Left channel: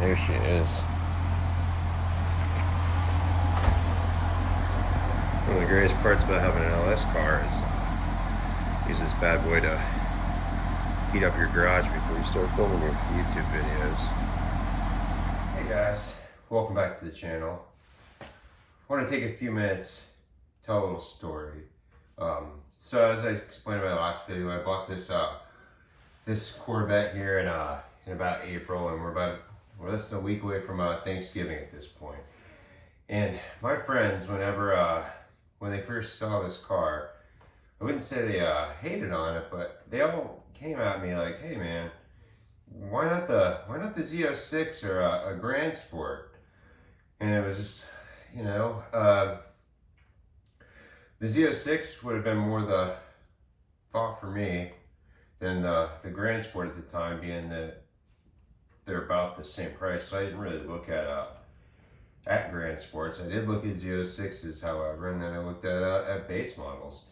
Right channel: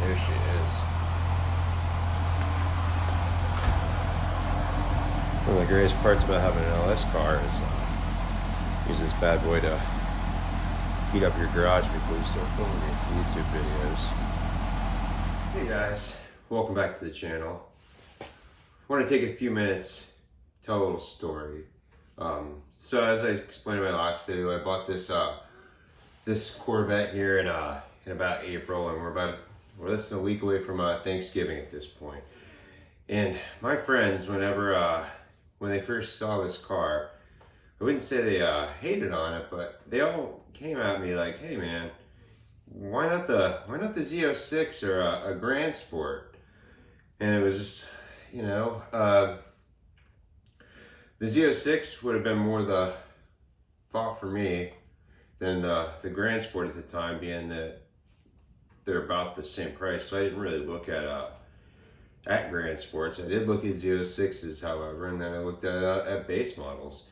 There she is. One of the greatest parts about having an LS car is use this bad boy to heat up your garage before you start filming your YouTube videos. Hey guys, welcome back to the channel. I want to take a few minutes, tell a little story. So as I explained in my last video, I bought this this Corvette here in about April, and we're less than a week away from Thanksgiving at this point. And my friends, when they first saw this car, I wouldn't say they hated on it, but they all came at me like, "Hey man, why not the Z06 or a Grand Sport?" And it was just, the Z06 would have been more the thought for me than the Grand Sport at the time, being that they're about the same price. So I didn't really look at Grand Sports. I did look at Z06s, however, and then I looked at base models.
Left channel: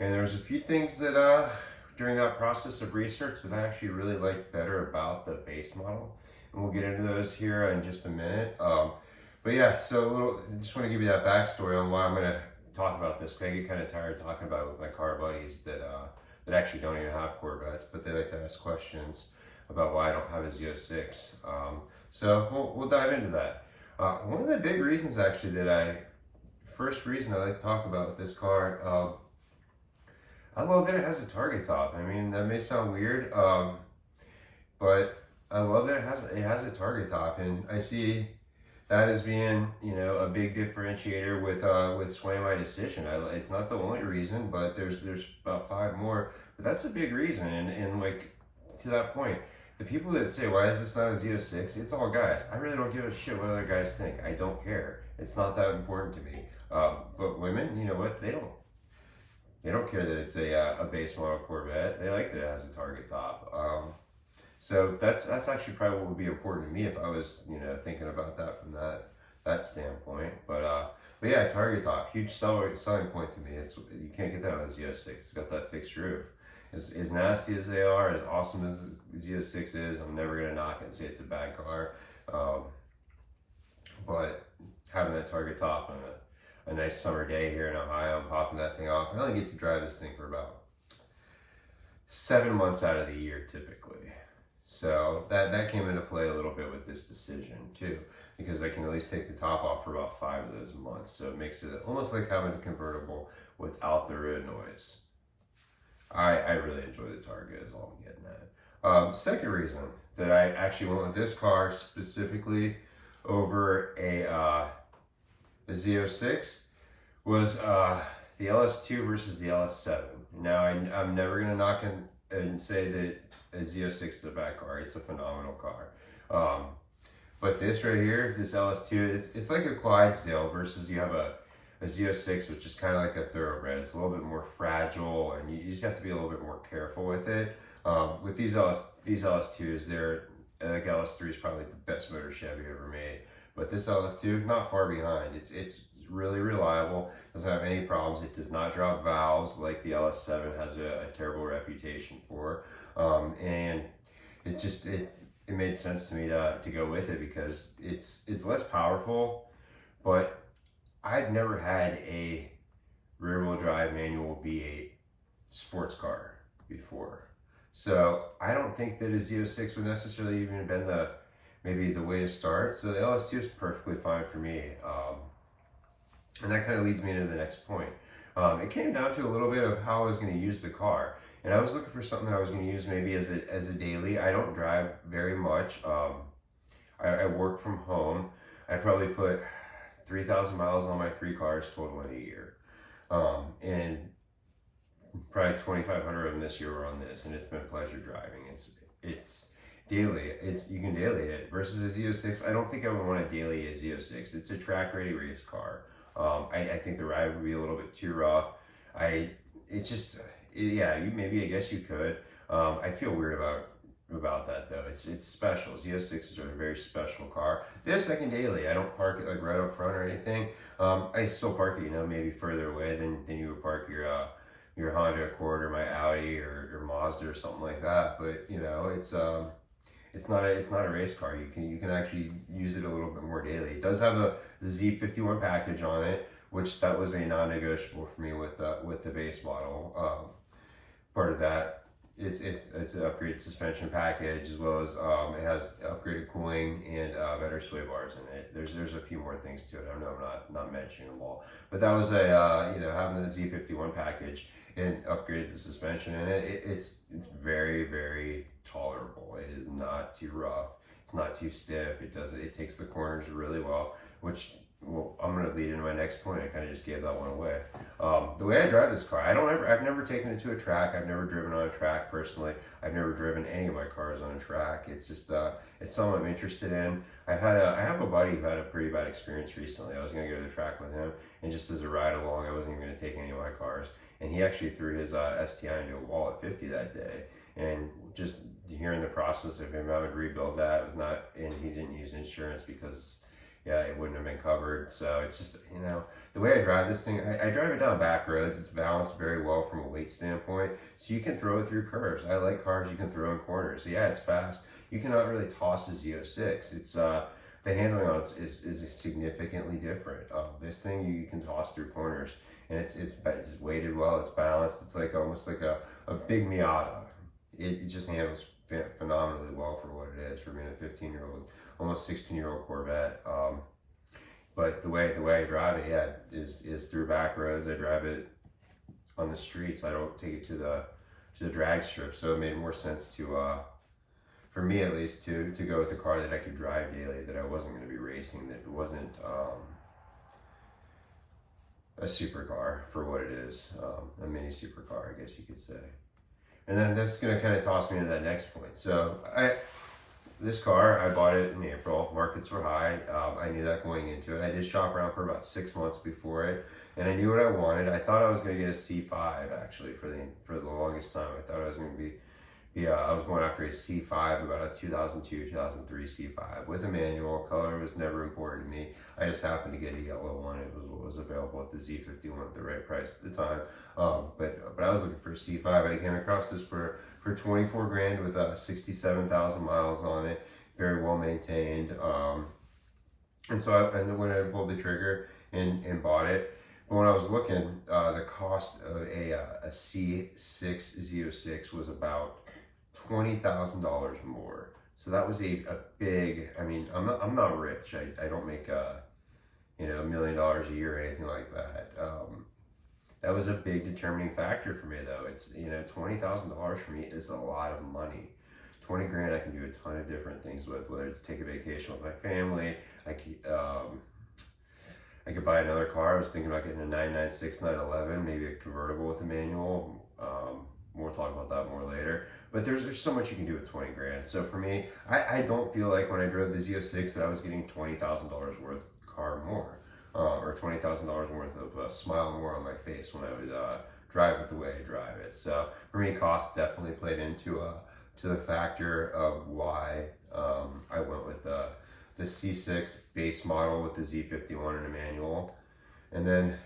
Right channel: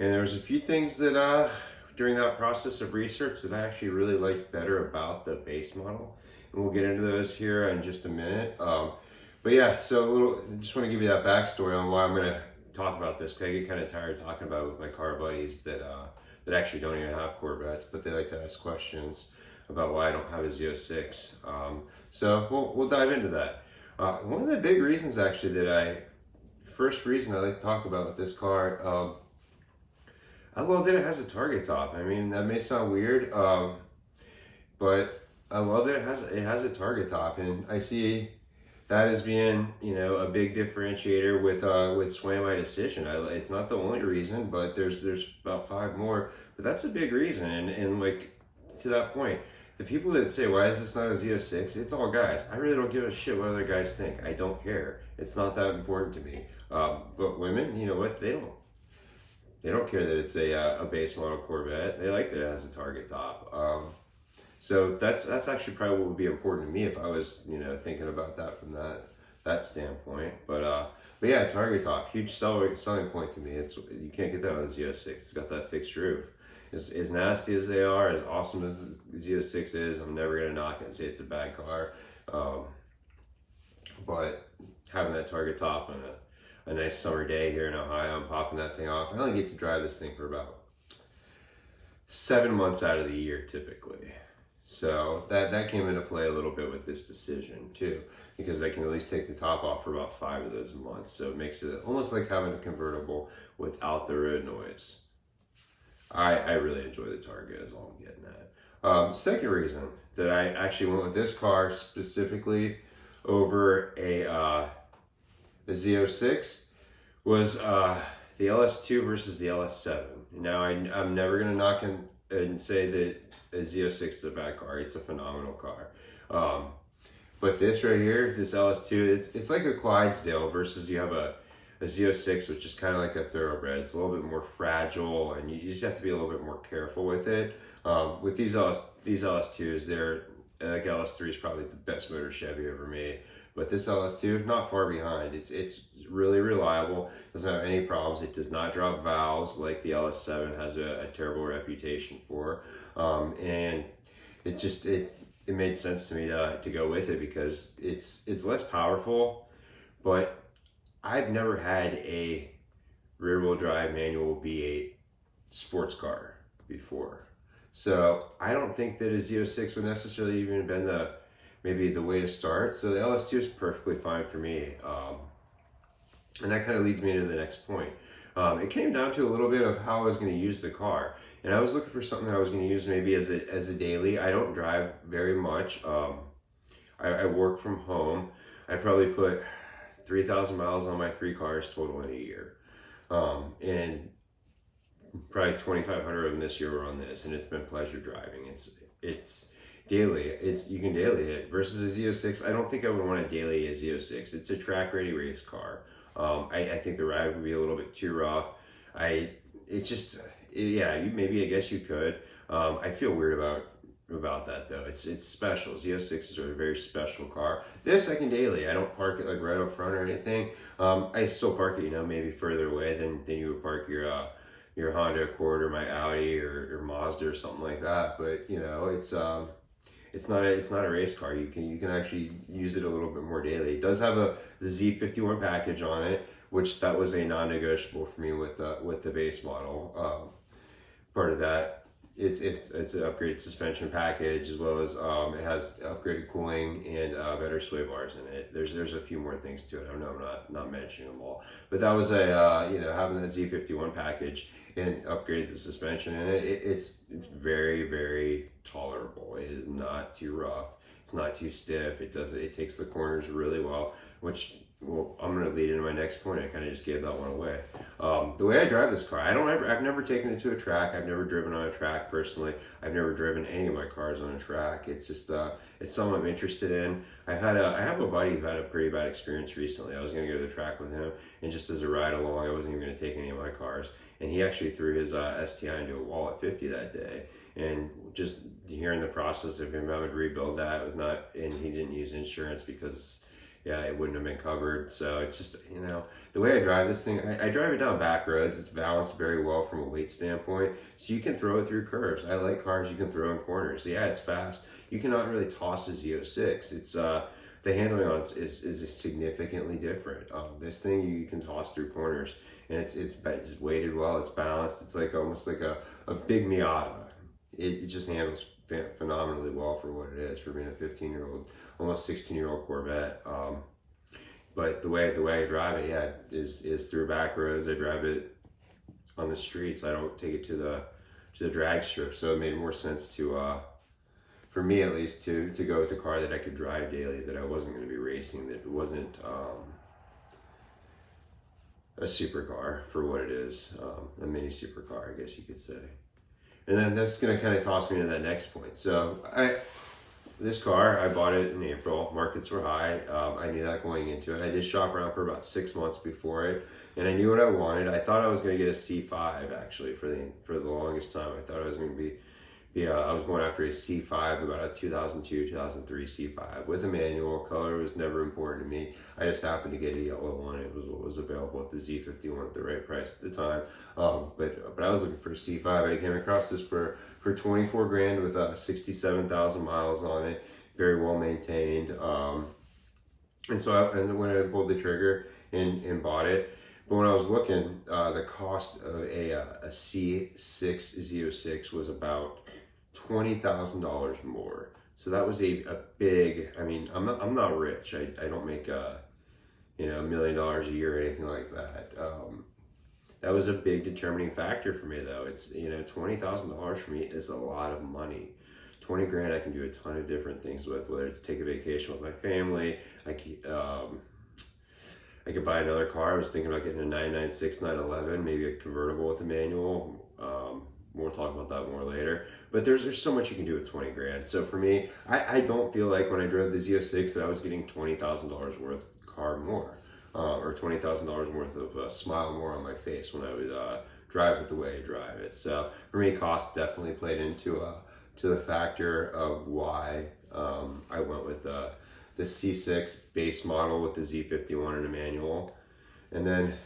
And there's a few things that during that process of research that I actually really liked better about the base model. And we'll get into those here in just a minute. But yeah, so I just want to give you that backstory on why I'm going to talk about this, because I get kind of tired talking about it with my car buddies that actually don't even have Corvettes, but they like to ask questions about why I don't have a Z06. So we'll dive into that. One of the big reasons actually first reason I like to talk about this car, I love that it has a target top. I mean, that may sound weird, but I love that it has a target top, and I see that as being, a big differentiator with swaying my decision. It's not the only reason, but there's about 5 more, but that's a big reason. And like, to that point, the people that say, "Why is this not a Z06?" It's all guys. I really don't give a shit what other guys think. I don't care. It's not that important to me. But women, you know what? They don't care that it's a base model Corvette. They like that it has a target top. So that's actually probably what would be important to me if I was, thinking about that from that standpoint. But yeah, target top, huge selling point to me. You can't get that on a Z06. It's got that fixed roof. As nasty as they are, as awesome as the Z06 is, I'm never gonna knock it and say it's a bad car. But having that target top on a nice summer day here in Ohio, I'm popping that thing off. I only get to drive this thing for about 7 months out of the year typically. So that came into play a little bit with this decision too, because I can at least take the top off for about 5 of those months. So it makes it almost like having a convertible without the road noise. I really enjoy the Target is all I'm getting at. Second reason that I actually went with this car specifically over a Z06 was the LS2 versus the LS7. Now I'm never gonna knock and say that a Z06 is a bad car. It's a phenomenal car. But this right here, this LS2, it's like a Clydesdale versus you have a Z06, which is kind of like a thoroughbred. It's a little bit more fragile, and you just have to be a little bit more careful with it. With these LS2s, they're like LS3 is probably the best motor Chevy ever made, but this LS2 not far behind. It's really reliable. Doesn't have any problems. It does not drop valves like the LS7 has a terrible reputation for, and it made sense to me to go with it because it's less powerful, but I've never had a rear-wheel drive manual V8 sports car before. So I don't think that a Z06 would necessarily even have been maybe the way to start. So the LS2 is perfectly fine for me. And that kind of leads me into the next point. It came down to a little bit of how I was going to use the car. And I was looking for something that I was going to use maybe as a daily. I don't drive very much. I work from home. I probably put 3,000 miles on my 3 cars total in a year. And probably 2,500 of them this year were on this, and it's been pleasure driving. It's daily. You can daily it versus a Z06. I don't think I would want to daily a Z06. It's a track ready race car. I think the ride would be a little bit too rough. Maybe I guess you could. I feel weird about that though. It's special. Z06s are a very special car. This I can daily. I don't park it like right up front or anything. I still park it, maybe further away than you would park your Honda Accord or my Audi or Mazda or something like that. But it's not a race car. You can actually use it a little bit more daily. It does have the Z51 package on it, which that was a non-negotiable for me with the base model. Part of that, it's an upgraded suspension package, as well as it has upgraded cooling and better sway bars in it. There's a few more things to it. I know I'm not mentioning them all, but that was a having that Z51 package and upgraded the suspension in it. It's very, very tolerable. It is not too rough. It's not too stiff. It takes the corners really well, which, well, I'm going to lead into my next point. I kind of just gave that one away. The way I drive this car, I've never taken it to a track. I've never driven on a track personally. I've never driven any of my cars on a track. It's just, it's something I'm interested in. I have a buddy who had a pretty bad experience recently. I was going to go to the track with him, and just as a ride along, I wasn't even going to take any of my cars. And he actually threw his STI into a wall at 50 that day. And just hearing the process of him having to rebuild that, and he didn't use insurance because, yeah, it wouldn't have been covered. So it's just, the way I drive this thing, I drive it down back roads. It's balanced very well from a weight standpoint. So you can throw it through curves. I like cars you can throw in corners. So yeah, it's fast. You cannot really toss a Z06. It's, the handling on it is significantly different. This thing you can toss through corners, and it's weighted well. It's balanced. It's like almost like a big Miata. It just handles phenomenally well for what it is, for being a 15-year-old, almost 16-year-old Corvette. But the way I drive it, yeah, is through back roads. I drive it on the streets. I don't take it to the drag strip. So it made more sense to, for me at least, to go with a car that I could drive daily, that I wasn't going to be racing, that it wasn't a supercar for what it is, a mini supercar, I guess you could say. And then that's going to kind of toss me into that next point. So this car, I bought it in April. Markets were high. I knew that going into it. I did shop around for about 6 months before it, and I knew what I wanted. I thought I was going to get a C5 actually for the longest time. I thought I was going to be I was going after a C5, about a 2002, 2003 C5 with a manual. Color was never important to me. I just happened to get a yellow one. It was what was available at the Z51 at the right price at the time. But I was looking for a C5. I came across this for 24 grand with 67,000 miles on it, very well maintained. And so when I pulled the trigger and bought it. But when I was looking, the cost of a C6 Z06 was about $20,000 more. So that was a big, I mean, I'm not rich. I don't make $1 million a year or anything like that. That was a big determining factor for me, though. It's, $20,000 for me is a lot of money. 20 grand I can do a ton of different things with, whether it's take a vacation with my family. I could buy another car. I was thinking about getting a 996, 911, maybe a convertible with a manual. We'll talk about that more later. But there's so much you can do with 20 grand. So for me, I don't feel like when I drove the Z06 that I was getting $20,000 worth car more, or $20,000 worth of a smile more on my face when I would drive it the way I drive it. So for me, cost definitely played into to the factor of why I went with the C6 base model with the Z51 and a manual. And then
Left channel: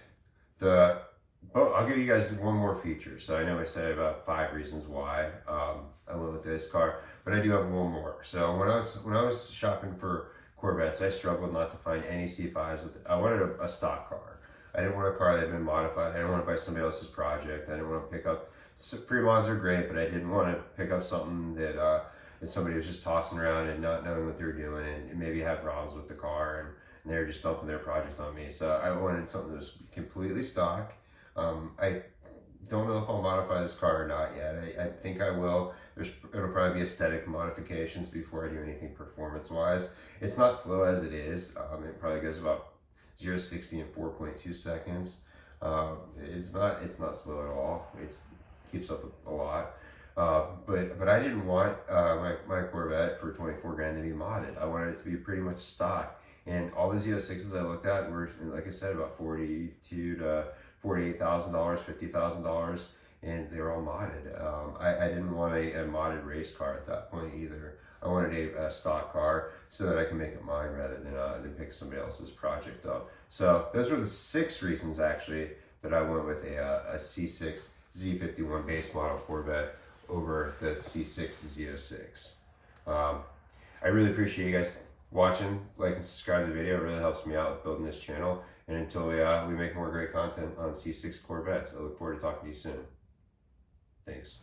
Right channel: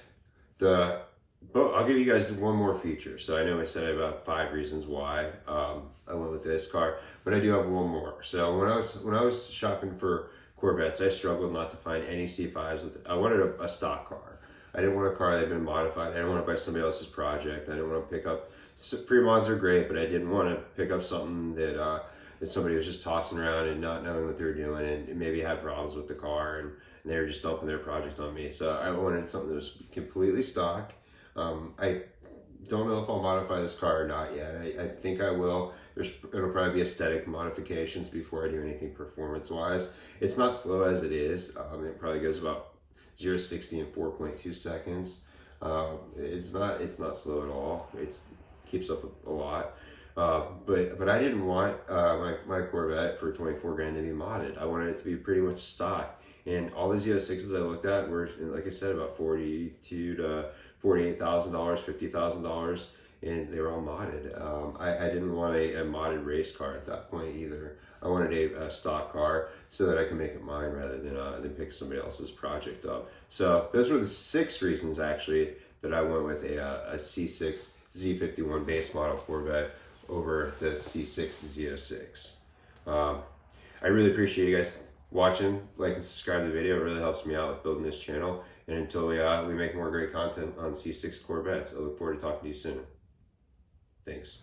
I'll give you guys one more feature. So I know I said about 5 reasons why I went with this car, but I do have one more. So when I was shopping for Corvettes, I struggled not to find any C5s. I wanted a stock car. I didn't want a car that had been modified. I didn't want to buy somebody else's project. I didn't want to pick up, free mods are great, but I didn't want to pick up something that somebody was just tossing around and not knowing what they were doing, and maybe had problems with the car, and they were just dumping their project on me. So I wanted something that was completely stock. I don't know if I'll modify this car or not yet. I think I will. It'll probably be aesthetic modifications before I do anything performance-wise. It's not slow as it is. It probably goes about 0 to 60 in 4.2 seconds. It's not slow at all. It keeps up a lot. But I didn't want my Corvette for 24 grand to be modded. I wanted it to be pretty much stock. And all the Z06s I looked at were, like I said, about $42,000 to $48,000, $50,000, and they were all modded. I didn't want a modded race car at that point either. I wanted a stock car so that I can make it mine rather than pick somebody else's project up. So those were the 6 reasons actually that I went with a C6 Z51 base model Corvette over the C6 Z06. I really appreciate you guys watching. Like and subscribe to the video. It really helps me out with building this channel. And until we make more great content on C6 Corvettes, I look forward to talking to you soon. Thanks.